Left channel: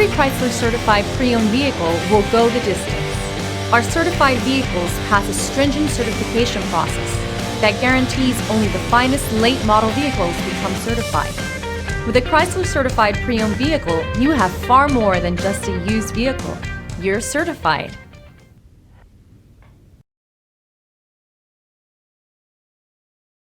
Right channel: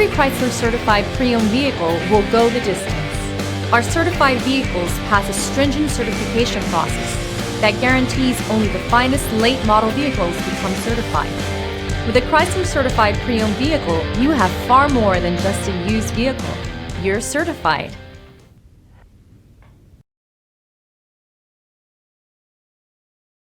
Every Chrysler certified pre-owned vehicle will go the distance. Our certified vehicles pass a stringent certification process that guarantees only the finest late model vehicles become certified. With a Chrysler certified pre-owned vehicle, you have far more than just a used vehicle. You're certified.